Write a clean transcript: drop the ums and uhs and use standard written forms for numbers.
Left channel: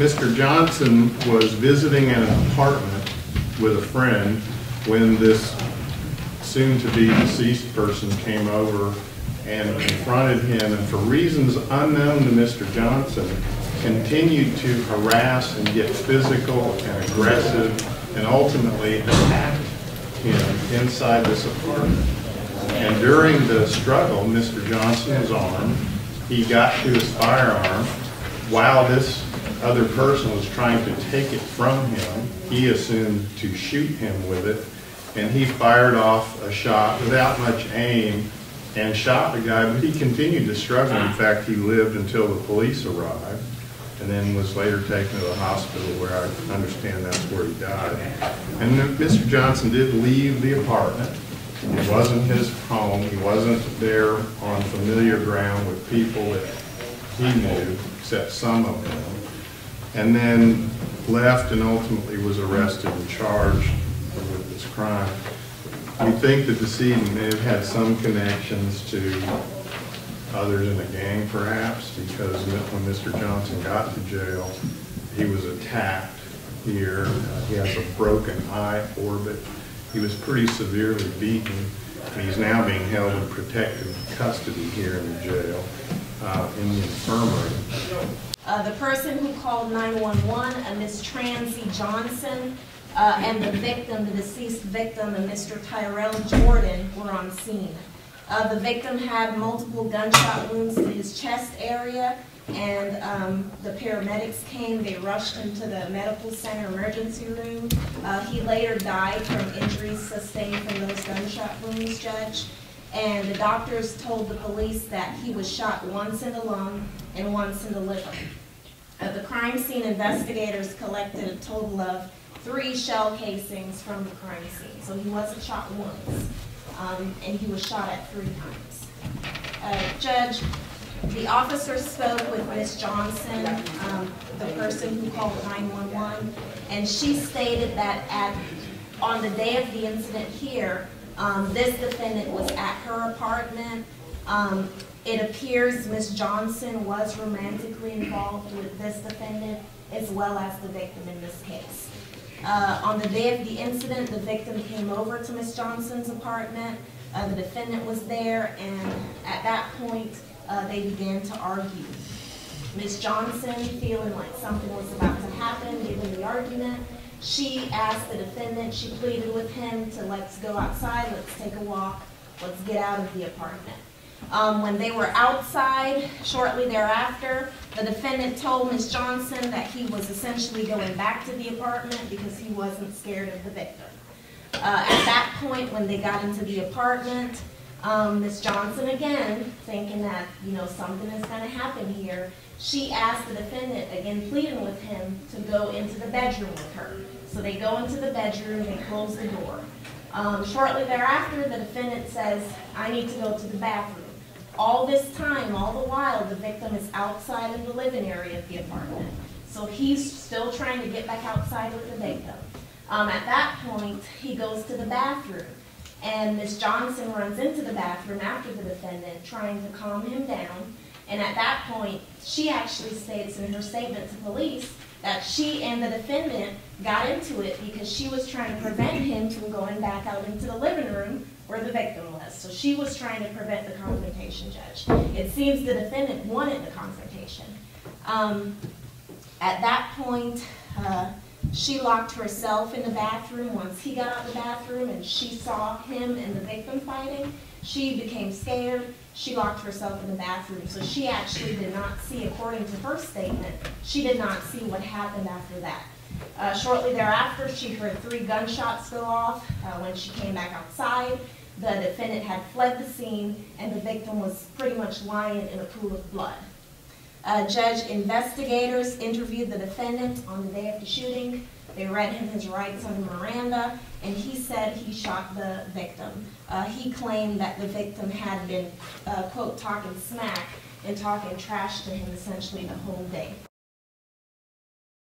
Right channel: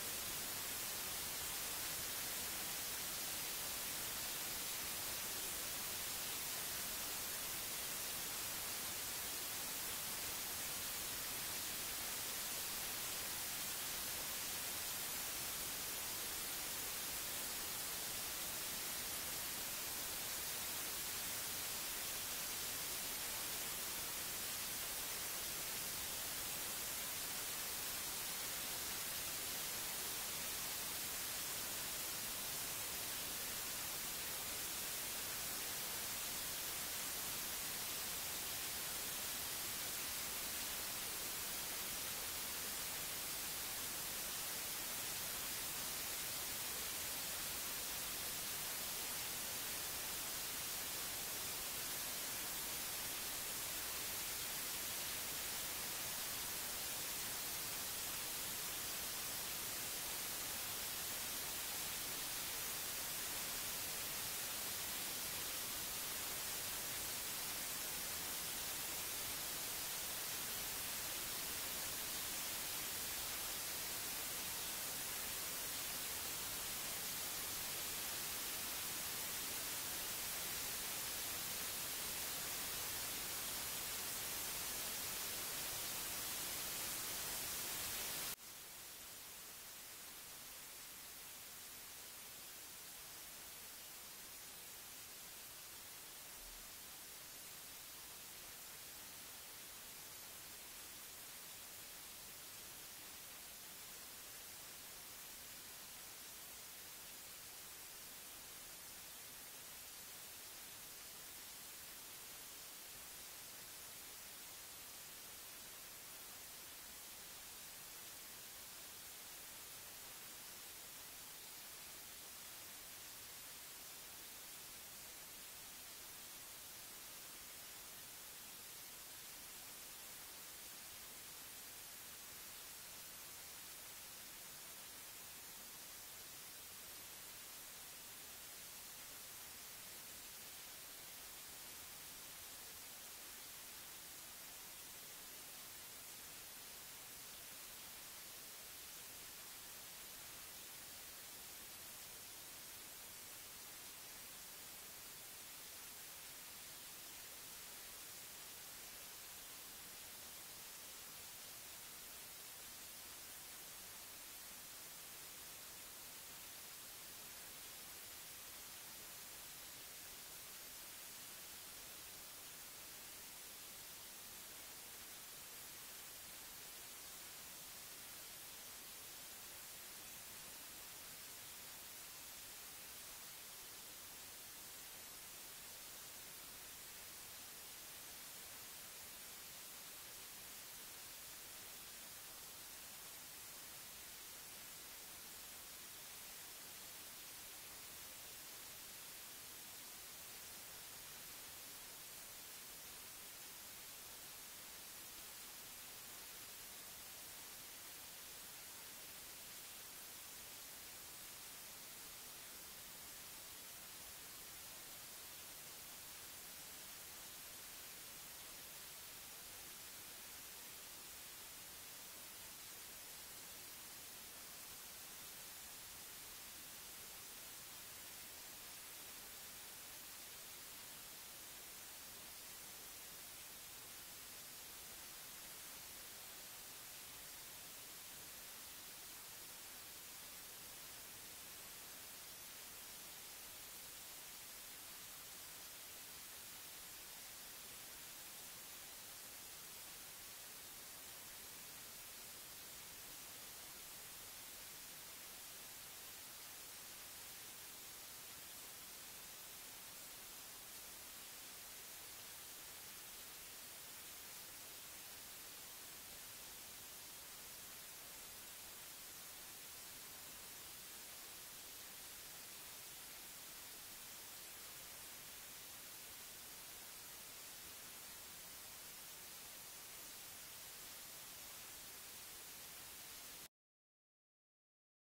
Mr. Johnson was visiting in an apartment with a friend when this soon-to-be deceased person came over and confronted him, and for reasons unknown to Mr. Johnson, continued to harass and get physical and aggressive and ultimately attacked him inside this apartment. And during the struggle, Mr. Johnson was armed. He got to his firearm. While this other person was trying to take it from him, he assumed to shoot him with it, and he fired off a shot without much aim and shot the guy, but he continued to struggle. In fact, he lived until the police arrived and then was later taken to the hospital, where I understand that's where he died. And Mr. Johnson did leave the apartment. It wasn't his home. He wasn't there on familiar ground with people that he knew, except some of them, and then left and ultimately was arrested and charged with this crime. We think the decedent may have had some connections to others in the gang, perhaps, because when Mr. Johnson got to jail, he was attacked here. He has a broken eye orbit. He was pretty severely beaten, and he's now being held in protective custody here in the jail, in the infirmary. The person who called 911, Ms. Transy Johnson, and the victim, the deceased victim, and Mr. Tyrell Jordan were on scene. The victim had multiple gunshot wounds to his chest area, and the paramedics came. They rushed him to the medical center emergency room. He later died from injuries sustained from those gunshot wounds, Judge. And the doctors told the police that he was shot once in the lung and once in the liver. The crime scene investigators collected a total of 3 shell casings from the crime scene. So he wasn't shot once, and he was shot at 3 times. Judge, the officer spoke with Ms. Johnson, the person who called 911, and she stated that on the day of the incident here, this defendant was at her apartment. It appears Ms. Johnson was romantically involved with this defendant as well as the victim in this case. On the day of the incident, the victim came over to Ms. Johnson's apartment. The defendant was there, and at that point, they began to argue. Ms. Johnson, feeling like something was about to happen given the argument, she asked the defendant, she pleaded with him to let's go outside, let's take a walk, let's get out of the apartment. When they were outside, shortly thereafter, the defendant told Ms. Johnson that he was essentially going back to the apartment because he wasn't scared of the victim. At that point, when they got into the apartment, Ms. Johnson, again, thinking that, something is going to happen here, she asked the defendant, again pleading with him, to go into the bedroom with her. So they go into the bedroom, they close the door. Shortly thereafter, the defendant says, I need to go to the bathroom. All this time, all the while, the victim is outside in the living area of the apartment. So he's still trying to get back outside with the victim. At that point, he goes to the bathroom, and Ms. Johnson runs into the bathroom after the defendant, trying to calm him down. And at that point, she actually states in her statement to police that she and the defendant got into it because she was trying to prevent him from going back out into the living room where the victim was. So she was trying to prevent the confrontation, Judge. It seems the defendant wanted the confrontation. At that point, she locked herself in the bathroom. Once he got out of the bathroom and she saw him and the victim fighting, she became scared. She locked herself in the bathroom. So she actually did not see, according to her statement, she did not see what happened after that. Shortly thereafter, she heard 3 gunshots go off. When she came back outside, the defendant had fled the scene, and the victim was pretty much lying in a pool of blood. Judge, investigators interviewed the defendant on the day of the shooting. They read him his rights under Miranda, and he said he shot the victim. He claimed that the victim had been, quote, talking smack and talking trash to him essentially the whole day.